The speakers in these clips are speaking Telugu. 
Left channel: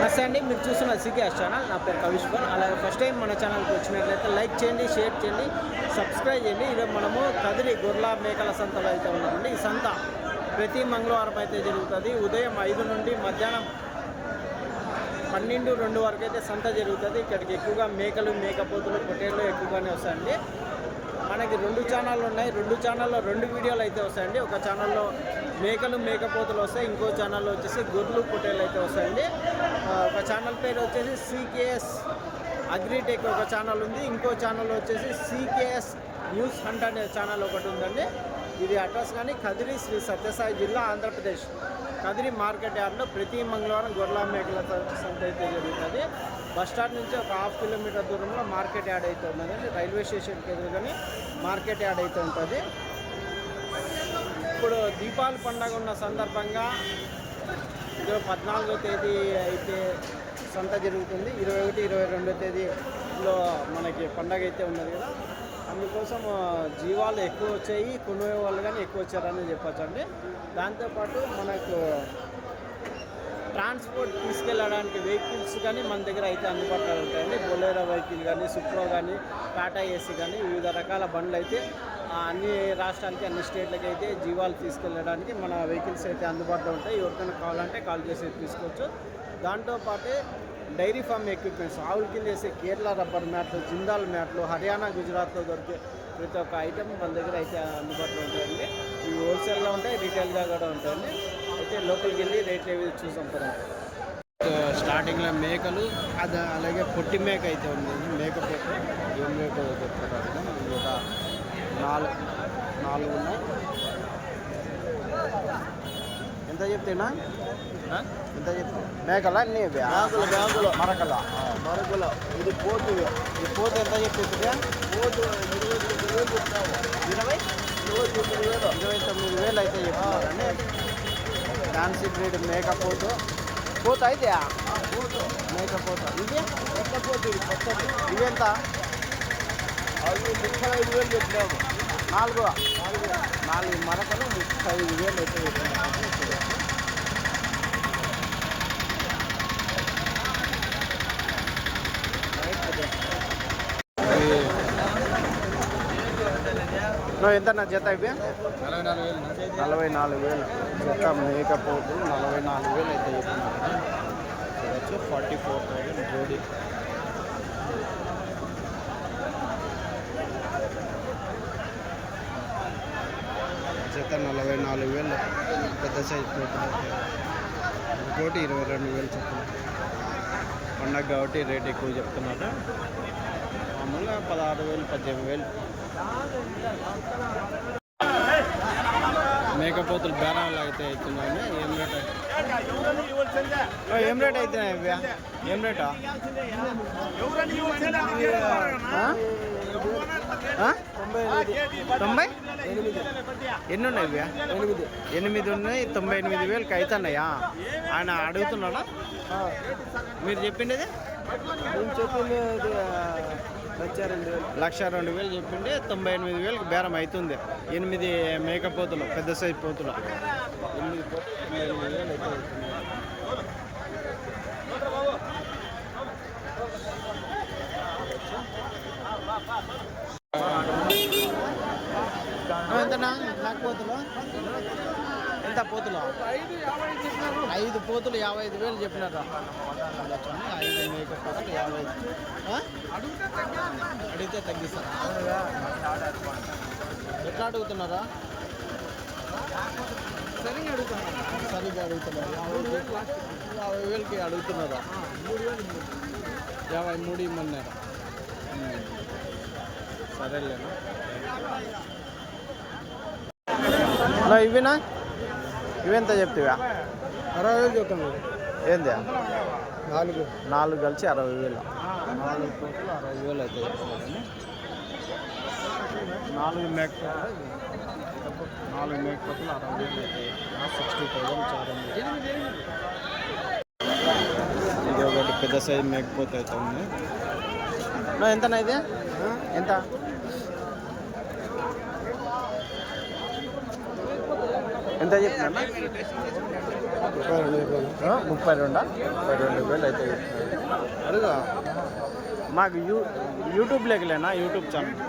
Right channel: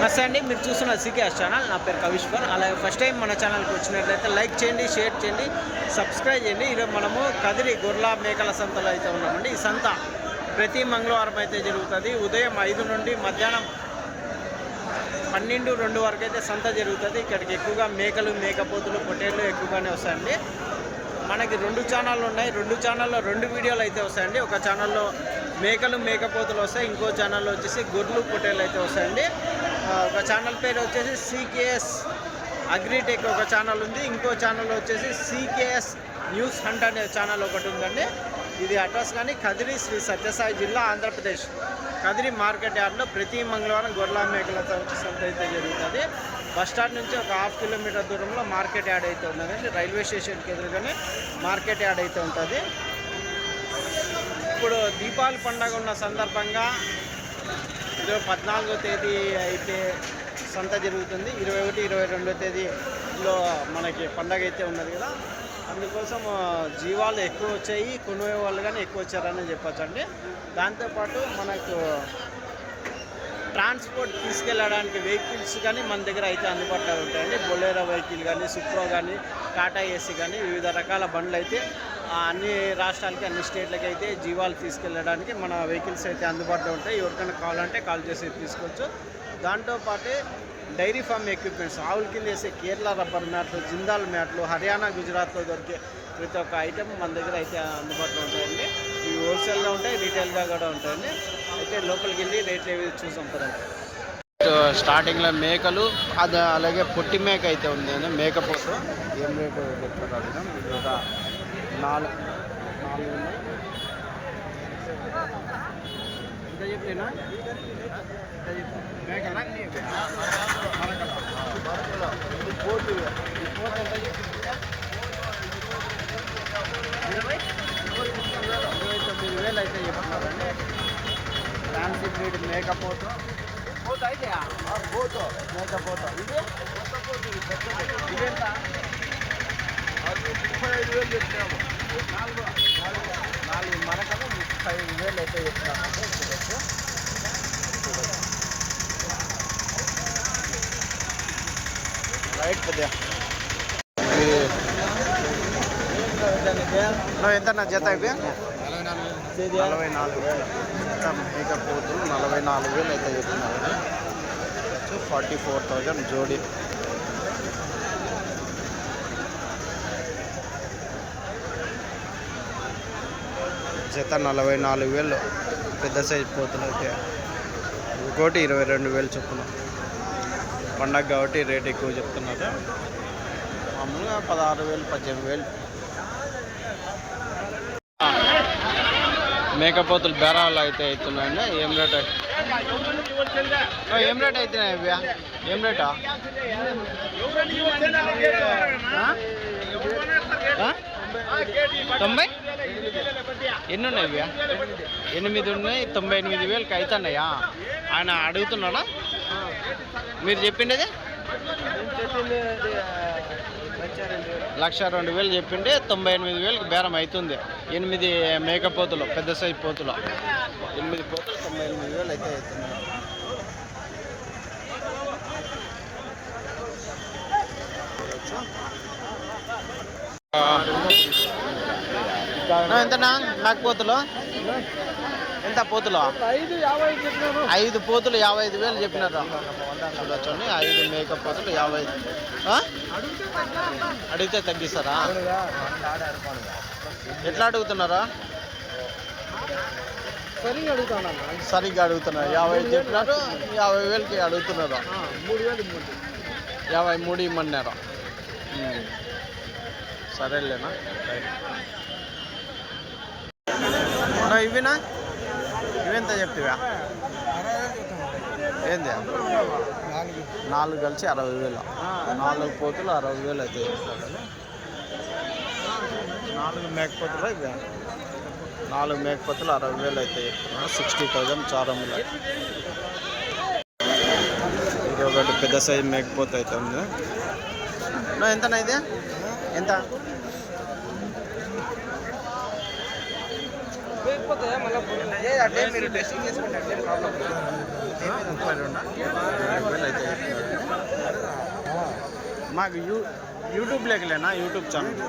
నమస్తే అండి మీరు చూస్తున్న సికేఎస్ ఛానల్. నా పేరు కవిశ్వర్ అలాగే ఫస్ట్ టైం మన ఛానల్కి వచ్చినట్లయితే లైక్ చేయండి షేర్ చేయండి సబ్స్క్రైబ్ చేయండి. ఈరోజు మనము కదిరి గొర్రెల మేకల సంతలో అయితే ఉన్నామండి. ఈ సంత ప్రతి మంగళవారం అయితే జరుగుతుంది. ఉదయం ఐదు నుండి మధ్యాహ్నం పన్నెండు రెండు వరకు అయితే సంత జరుగుతుంది. ఇక్కడికి ఎక్కువగా మేకలు మేకపోతులు పొట్టేళ్ళు ఎక్కువగానే వస్తాయండి. మనకి రెండు ఛానళ్ళు ఉన్నాయి. రెండు ఛానల్లో రెండు వీడియోలు అయితే వస్తాయండి. ఒక ఛానల్లో మేకలు మేకపోతులు వస్తాయి. ఇంకో ఛానల్లో వచ్చేసి గొర్రెలు పొట్టేళ్ళు అయితే వస్తాయండి. ఒక ఛానల్ పేరు వచ్చేసి సీకేఎస్ అగ్రిటెక్ ఒక ఛానల్ ఉంది. ఇంకో ఛానల్ వచ్చేసి సీకేఎస్ న్యూస్ హంట్ అనే ఛానల్ ఒకటి ఉందండి. ఇది అడ్రస్ కానీ కదిరి శ్రీ సత్యసాయి జిల్లా ఆంధ్రప్రదేశ్. కదిరి మార్కెట్ యార్డ్లో ప్రతి మంగళవారం గొర్రెల మేకల సంత అయితే జరుగుతుంది. బస్ స్టాండ్ నుంచి ఒక హాఫ్ కిలోమీటర్ దూరంలో మార్కెట్ యాడ్ అయితే ఉన్నదండి. రైల్వే స్టేషన్కి ఎదురుగానే మార్కెట్ యాడ్ అయితే ఉంటుంది. ఇప్పుడు దీపావళి పండగ ఉన్న సందర్భంగా ఇరవై పద్నాలుగో తేదీ అయితే సంత జరుగుతుంది. ఇరవై ఒకటి ఇరవై రెండో తేదీలో మనకి పండగ అయితే ఉన్నది కదా. అందుకోసం జీవాలు ఎక్కువ వచ్చాయి కొనువే వాళ్ళు కానీ ఎక్కువ వచ్చారని చెప్పచ్చండి. దాంతోపాటు మనకు ట్రాన్స్పోర్ట్ తీసుకెళ్ళడానికి వెహికల్స్ కానీ మన దగ్గర అయితే అందుబాటులో ఉంటాయండి. బొలేరో వెహికల్ కానీ సుప్రో కానీ టాటా ఏసీ కానీ వివిధ రకాల బండ్లు అయితే అన్ని రాష్ట్రాలకి అన్ని స్టేట్లకి అయితే జీవాలు తీసుకెళ్ళడానికి మన వెహికల్స్ అయితే అందుబాటులో ఉంటాయి. ఎవరికైనా కావాలంటే కాల్ చేసి తీసుకోవచ్చు. దాంతోపాటే డైరీ ఫామ్ ఎక్విప్మెంట్స్ ఆవుల కింద వేసే కేరళ రబ్బర్ మ్యాట్లు జిందాల్ మ్యాట్లు హర్యానా గుజరాత్లో దొరికే ప్రతి ఒక్క ఐటెం మన దగ్గర అయితే అందుబాటులో ఉంటాయండి. ఇవి హోల్సేల్గా ఉంటాయి రీటైల్గా కూడా ఉంటాయండి. అయితే లోపలికి వెళ్ళి రేట్లు ఏవి చూసాం పదండి. స్టార్టింగ్లో మేకలు అది అలాగే పొట్టి మేక అయితే ఉంది. అండి మేకపోతు ఏం రేటు చెప్తారు అడిగినాం ఇది ఒక నాలుగు నాలుగు ఉన్నాయి. ఎంత చెప్తేనా? ఎంత చెప్తే? మేకలా అన్నీ మరకల? ఇది పోతు ఈ పోతు ఎంత చెప్తుందా ఇరవై? ఇరవై తొమ్మిది వేలు అయితే చెప్తున్నారండి. ఫ్యాన్సీ బ్రీడ్ మేకపోతు. పోత అయితే పోతు మేకపోతు. ఇది ఇవి ఎంత? నాలుగు. నాలుగు మరకలు ముప్పై ఐదు వేలు అయితే చెప్తున్నారండి చూడొచ్చు రైట్ ఎంత నా జత ఇవి? నలభై నాలుగు వేలు. జత మేకపోతులు నలభై నాలుగు వేలు అయితే చెప్తున్నారు. చూడచ్చు. ఫార్టీ ఫోర్ థౌజండ్ జోడి. జత నలభై నాలుగు వేలు. పెద్ద సైజ్ పోతులు అయితే. ఇంకోటి ఇరవై రెండు వేలు చొప్పున. పండగ కాబట్టి రేట్ ఎక్కువ చెప్తున్నారు. మామూలుగా పదహారు వేలు పద్దెనిమిది వేలు. మేకపోతులు బేరాలు అయితే అవుతున్నాయండి ఏం రేట్? ఏం రేట్ అవుతున్నాయి ఇవి ఏం రేటా? తొంభై? ఎన్ని ఉన్నాయి ఎనిమిది ఉన్నాయి తొంభై ఎనిమిది వేలకి అవుతున్నాయా ఆయన అడుగుతున్నాడా? మీరు చెప్పిండేది? లక్ష రెండు వేలు చెప్పిండే తొంభై ఎనిమిది వేలకు బేరం అవుతుంది ఎనిమిది మేకపోతులు పెద్ద సైజు పోతులు. ఎనిమిది పోతులు తొంభై ఎనిమిది వేలు అయితే అవుతున్నాయి ఎంతనా? నాకు పోతులు? ఎంత పోతులు? ఐదు ఐదు పోతులు యాభై ఐదు వేలు చెప్పినారు చూడొచ్చండి ఐదు మేక పోతులు యాభై? అడిగితే తగ్గిస్తారా? ఎట్లా అడుగుతున్నారా? సరి అడుగుతానన్నా సరిగ్గా అడుగుతున్నారు. యాభై చెప్పినారు. యాభై వేలకి అడుగుతున్నారు? యాభై మూడు ఇమ్మన్నారు. సరేలేనా. ఇవినా ఇవెంత చెప్తివా? అరవై వేలు చెప్తాను. ఏంది? నాలుగు నాలుగు కలిసి అరవై వేలు. నాలుగు పోతులు అరవై వేలు అయితే నాలుగు మేకపోతులు ఇవి నాలుగు మేకపోతులు అరవై వేలు అయితే చెప్తున్నారు సిక్స్టీ థౌజండ్ చారములు ఇది ఒకటి పెద్ద సైజు మేకపోతు అయితే ఉంది. ఎంతనా ఇది? ఎంత ఎంత చెప్తున్నా ముప్పై రెండా? ముప్పై రెండు వేలు అయితే చెప్తున్నాడు మాకు యూ యూట్యూబ్ లేకలేనా? YouTube channel.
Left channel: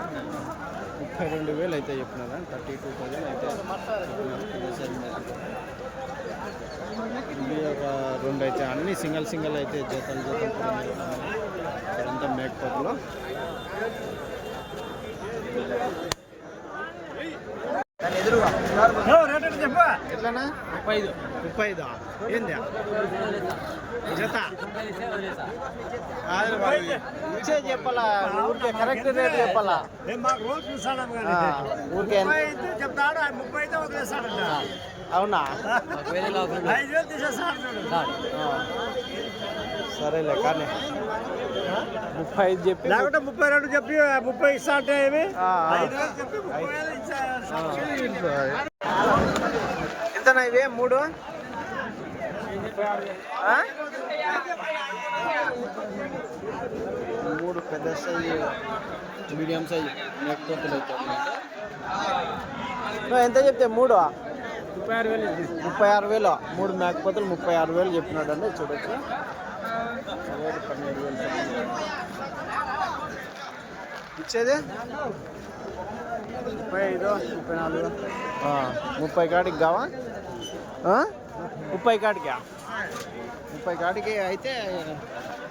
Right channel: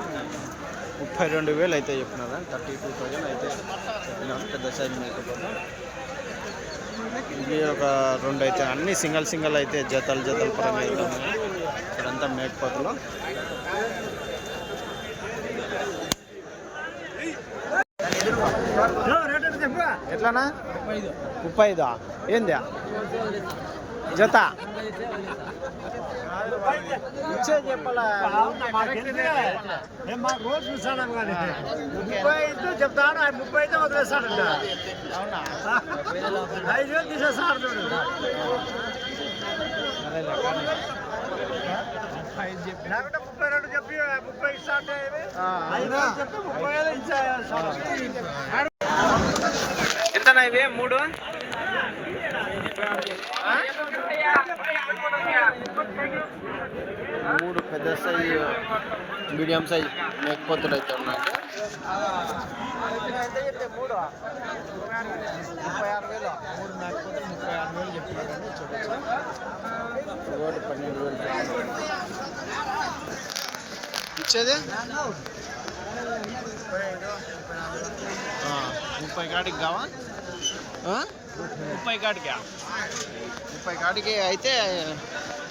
ముప్పై రెండు వేలు అయితే చెప్పినారు థర్టీ టూ థౌజండ్ అయితే చెప్పినారు పెద్ద సైజ్ మేకపోతే ఇవి ఒక రెండు అయితే అన్ని సింగల్ సింగల్ అయితే జతలు జతల పరంగా అయితే ఉన్నాయి. ఇక్కడంతా మేకపోతులు. ఎట్లానా ముప్పై ఐదా? ఏంది? జత. ఇచ్చే చెప్పాలా? ఊరికే కరెక్ట్ రేట్ చెప్పాలా? మాకు రోజు చూసాడం ముప్పై చెప్తాడు ఆయన ముప్పై అయితే వదిలేస్తాడంట అవునా? ఐదు వేలు తీసేస్తాడు చూడు. సరేలే కానీ ముప్పై ఐదు చెప్పి లేకుంటే ముప్పై రెండు చెప్పి ముప్పై ఇస్తా అంటే ఏమి. ఐదు వేలు చెప్పి ముప్పై ఐదు ఇచ్చా ఎంతనా ఇవి? మూడు? మూడు పెద్ద సైజు మీడియం సైజు మేకపోతులు అయితే ఉన్నాయి. ఎంత చెప్తే మూడు? ముప్పై ఆరు వేలు. ముప్పై ఆరు వేలు మూడు మేకపోతులు ముప్పై ఆరు వేలు చెప్పినాడండి చూడొచ్చు ఒకటి పన్నెండు వేలు ఇచ్చేది? ముప్పై ఐదు ముప్పై కాడికి కావా? ముప్పై కాడికా? ముప్పై కాడికి అయితే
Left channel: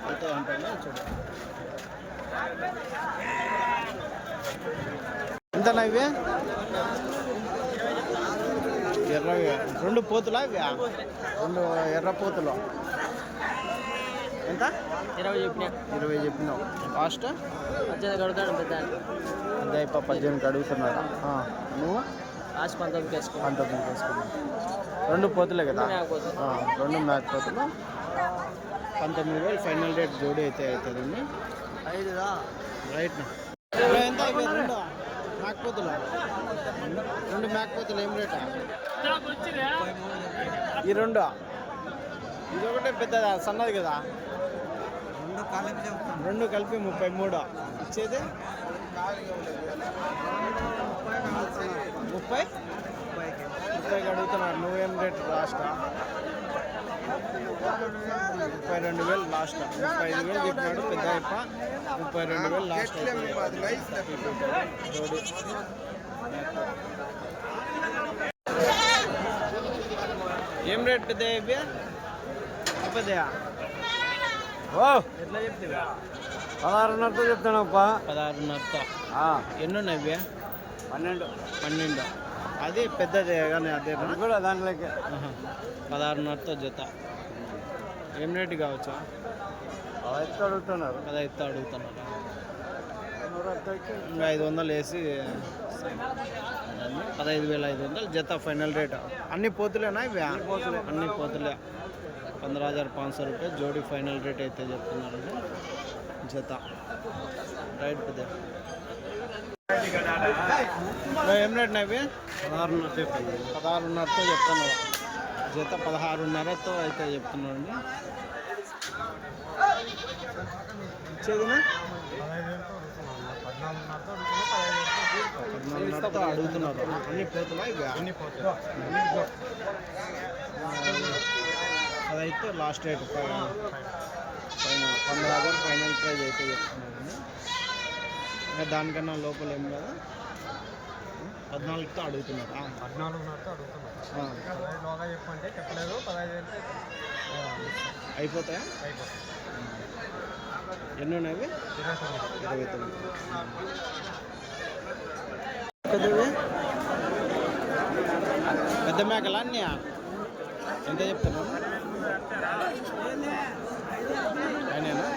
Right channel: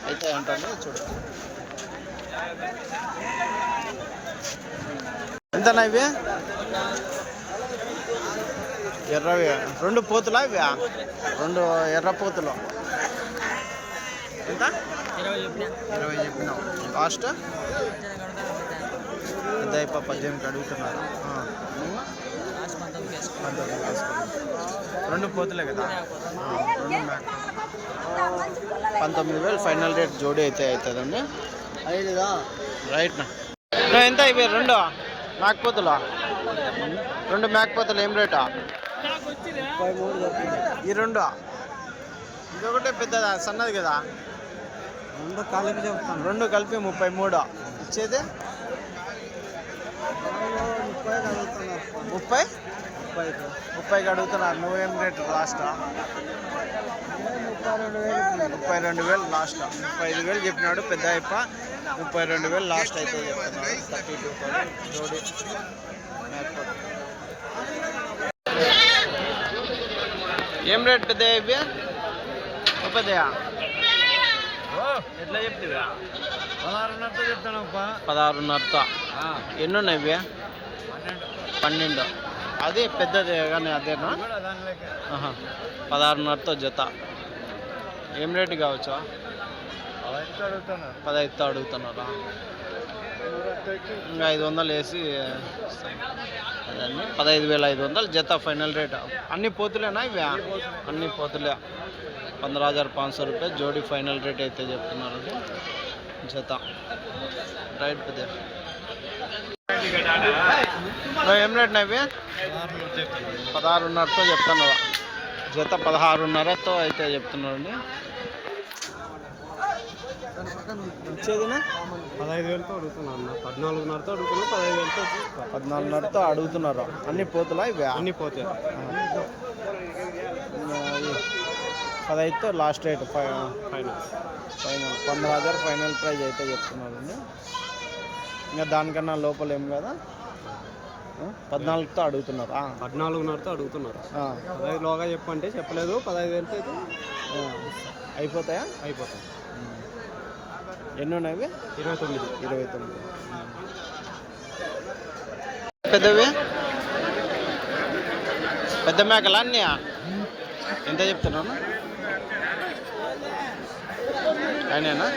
అయితే అంటాను. చూడు. ఎంతనా ఇవి? ఎర్రవి. రెండు పోతులా ఇవి? రెండు ఎర్ర పోతులు. ఎంత? ఇరవై చెప్పిన. ఇరవై చెప్పినావు. లాస్ట్? అయిపో పద్దెనిమిది అడుగుతున్నారా? నువ్వు? పంతొమ్మిది వేసుకున్నావు రెండు పోతులే కదా? రెండు మేక పోతులు. పంతొమ్మిది వేలు ఫైనల్ రేట్ జోడీ అయితే అవుతుందండి. ఐదుదా? రైట్ ఎంత ఇవి రెండు? మేకపోతులు రెండు మేకపోతులు ఏం రేటా? ఈ రెండు? ఇది ఒకటే పెద్దదా? సన్నది కదా? రెండు కలిపి రెండు కలిపి ముప్పై మూడు. ఇచ్చేది? ముప్పై? ముప్పైకి. అడుగుతున్నారు. నువ్వేం రేటు లాస్టా? ముప్పై రెండు వేలు రెండు లాస్ట్. ముప్పై ఐదు వేలు చెప్పినాడు పెద్ద అయిప ముప్పై రెండు వేలు లాస్ట్ అయితే థర్టీ టూ థౌసండ్ మేకపోతు. ఏం రేట్ పెద్ద ఇవి? పెద్దయా ఎట్లా చెప్తావా? పదహారున్నరతో చెప్తానప్పా పదహారున్నరతో. ఎన్ని ఉన్నాయి పన్నెండు. పన్నెండు. అది పెద్దది కానీ అదేనా? పదహారున్నరతో జత. ఏం రేటు కావచ్చా? పదహైదు అడుగుతున్నారా. ఇంకా ఐదు వందలు వేసి అదండి. పదహైదు వేల ఐదు వందలు జత ఫైనల్ రేట్. అన్ని పోతులేనా ఇవి? అన్ని పోతులే. పంద్రహ హజార్ పాంచ్ సో రూపాయ జోడీ ఫైనల్ రేట్ అయితే చెప్తున్నారు. జత. రైట్ పెద్ద. ఏం పదహారున్నరతో చెప్తాను జత పదహారున్నరతో అయితే చెప్తున్నాడు అండి పద్నాలుగున్నరతో అడుగుతున్నారు అన్ని పోతులా ఇవి అన్ని పోతాయి. అదైతే లాస్ట్ రేట్ ఫైనల్. ఫైనల్. పంద్రహ హజార్ ఫైనల్ ప్రైజ్ అయితే చెప్తున్నారండి ఇంకా దానికన్నా లోపల ఏం కదా పద్నాలుగుతో అడుగుతున్నారు. ఆ, పద్నాలుగున్నరతో అడుగుతున్నారు. ఆ, పదహైదు లోగా చెప్పంటే చెప్పలేదు పదహైదు అయితే ఆ. అయిపోతాయా? అయిపోతాయి. ఎన్ని ఉన్నాయి? ఇరవై తొమ్మిది. ఇరవై తొమ్మిది. పెద్దవి? పెద్ద మేకలా అన్నీ ఎంత చెప్తున్నాను ఆయనేనా?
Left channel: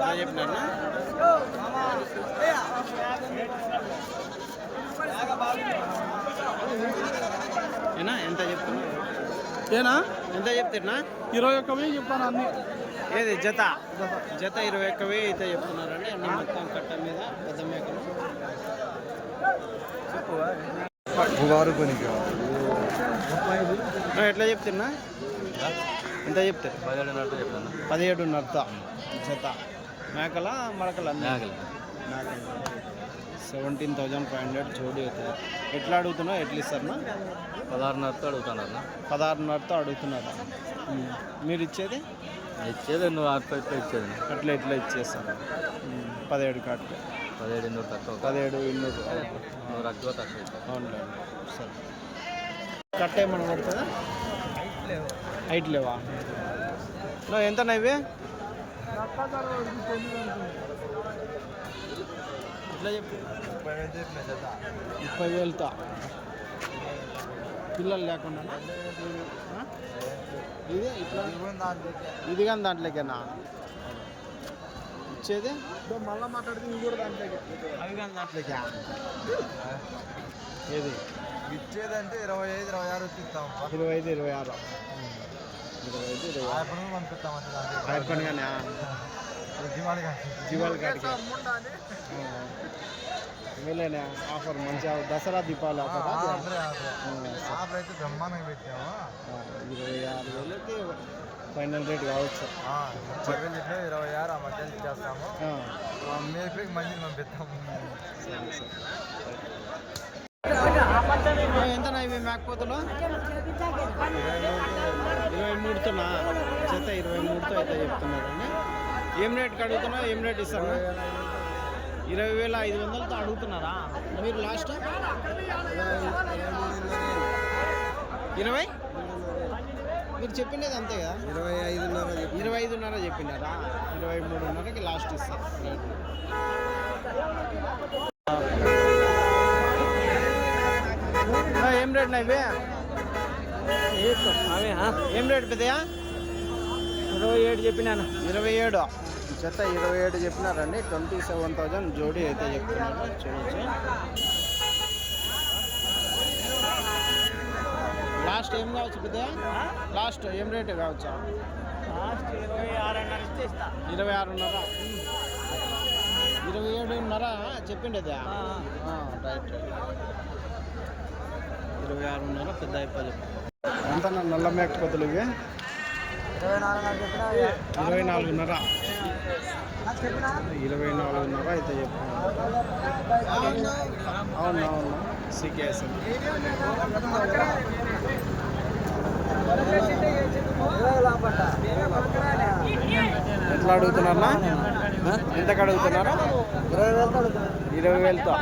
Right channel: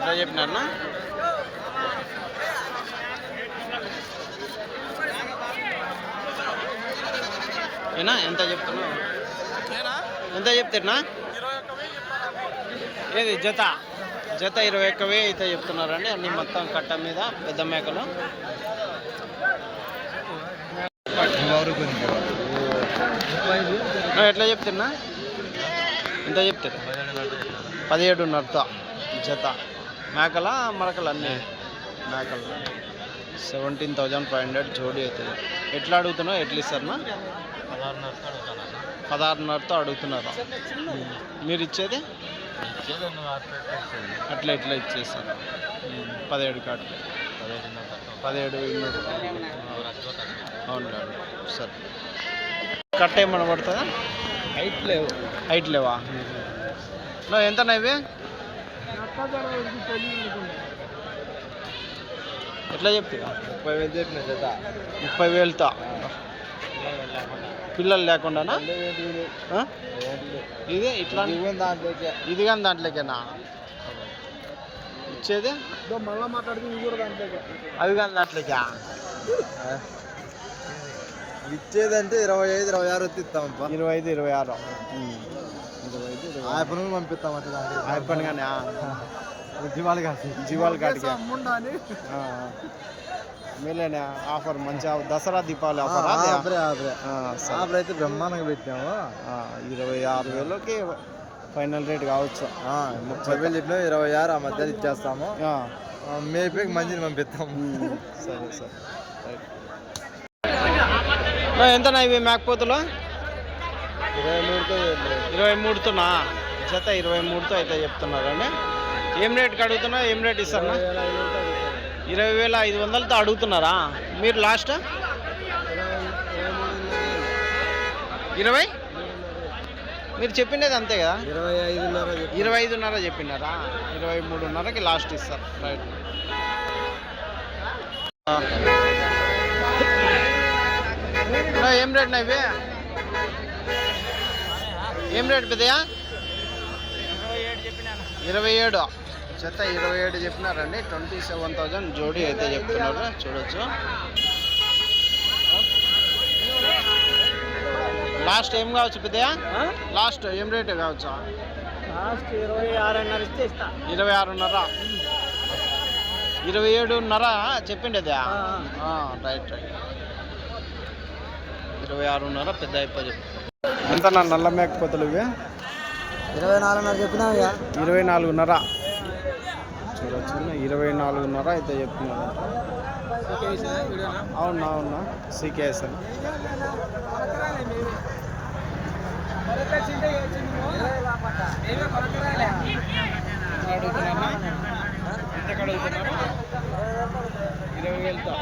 ఎట్లా చెప్పినారనా ఏనా? ఎంత చెప్తున్నావు? ఏనా? ఎంత చెప్తారా ఇరవై ఒక్క వెయ్యి చెప్పాను అన్ని. ఏది? జత. జత ఇరవై ఒక్క వెయ్యి అయితే చెప్తున్నారండి. అన్ని మొత్తం కట్ట మీద పెద్ద మేకలు. ఎట్లా చెప్తున్నా ఎంత చెప్తారు? పదిహేడున్నరతో జత. మేకల మరకలు అన్నీ. మేకలు. సెవెంటీన్ థౌజండ్ ఫైవ్ హండ్రెడ్ జోడీ అవుతుంది ఎట్లా అడుగుతున్నావు? ఎట్లా ఇస్తారన్నా? పదహారున్నరతో అడుగుతాను పదహారున్నరతో అడుగుతున్నారా. మీరు ఇచ్చేది? ఇచ్చేది నువ్వు అట్లా ఇచ్చేది. అట్లా ఇట్లా ఇచ్చేస్తారా. పదిహేడు కాటికి పదిహేడు పదిహేడు ఇన్నూరు అవునులే సరే. కట్ట ఏమన్నా పడుతుందా హైట్ లేవు. హైట్ లేవా? నువ్వు ఎంతనా ఇవి ఎట్లా చెప్పి ముప్పై వేలు చెప్పిన జత. ముప్పై వేలతో. పిల్లలు లేకుండానా? ఇది ఇట్లా? దాంట్లోకి. ఇది కానీ దాంట్లోకేనా? ఇచ్చేది? మళ్ళీ మాట్లాడుతుంది ఇది కూడా దాంట్లోకి. అది కానీ దాంట్లోకా? ఇది ఇచ్చేదంటే ఇరవై ఐదు ఇరవై ఆరు ఎత్తిస్తామప్ప ఇరవై ఐదు ఇరవై ఆరు. ఇరవై ఐదు ఇరవై కానీ దివాళి కాదు జీవాల కాటికి మేలేనే ఆఫర్ మంచి ఆఫర్. దసరా దీపావళి ఆఫర్ అదే? ఆ, సరే. అయితే బ్రహ్మాండంగా పెట్టాము ఆ, ఇరవై ఆరు వేలకి ఫైనల్ రేట్ కావచ్చు. ముప్పై వేలు చెప్పినా ఇరవై ఆరు ఆ మధ్యలో ఇచ్చేస్తాము. ఆ, మేపేకి మంచిని పంపిస్తాము. సరే సరే. ఎంతనా ఇవి మేకపోతులు ఇరవై మూడుతోనా జత ఇరవై మూడుతో అయితే చెప్తున్నారండి. ఏం రేట్కి అడుగుతున్నా? ఏం రేట్ ఇస్తారన్నా? ఇరవై వేల ఐదు వందలతో అడుగుతున్నారా? మీరు లాస్ట్? ఇరవై? మీరు చెప్పిండేది అంతే కదా? ఇరవై ఐదున్నర ఇరవై ఐదున్నర చెప్పినారా ఇరవై మూడున్నరకి లాస్ట్ ఇస్తారు. రైట్ ఏం రేట్ నా ఇవి? ఏం రేట్ పెద్దయా ఇరవై ఏడు చెప్పినాను. ఇరవై ఏడు. జత ఇరవై ఏడు చెప్పినారండి. ట్వంటీ సెవెన్ థౌజండ్ జోడీ అయితే చెప్తున్నారు. చూడొచ్చు. లాస్ట్ ఏం కావచ్చు పెద్దయా లాస్ట్ ఏం రేట్ కావచ్చా? లాస్ట్ ఇరవై ఆరున్నర ఇరవై ఏడున్నర చెప్పిండేదా రైట్ రైట్. ఇరవై ఆరున్నర పెద్ద అయిపోయి చెప్పు ఎంత నా నల్ల మేకపోతులు ఇవి? ఇరవై నాలుగున్నర. ఇరవై నాలుగున్నర ఇరవై నాలుగున్నర అయితే చెప్తున్నారంట అవునా అవునా? సీకేఎస్ అన్న ఎట్లా అడుగుతున్నారా ఎంతకు అడుగుతున్నారా? ఇరవై వేలతో.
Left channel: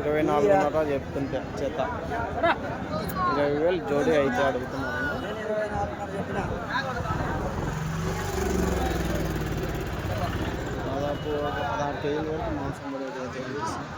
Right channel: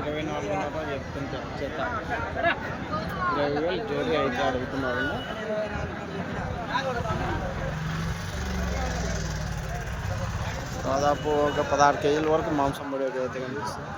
ఇరవై నాలుగున్నర చెప్తుంటే చేత. ఇరవై వేలు జోడి అయితే అడుగుతున్నారు దాదాపు ఒక పదహారు కేజీల వరకు మాంసం పడేది అయితే కనిపిస్తుంది.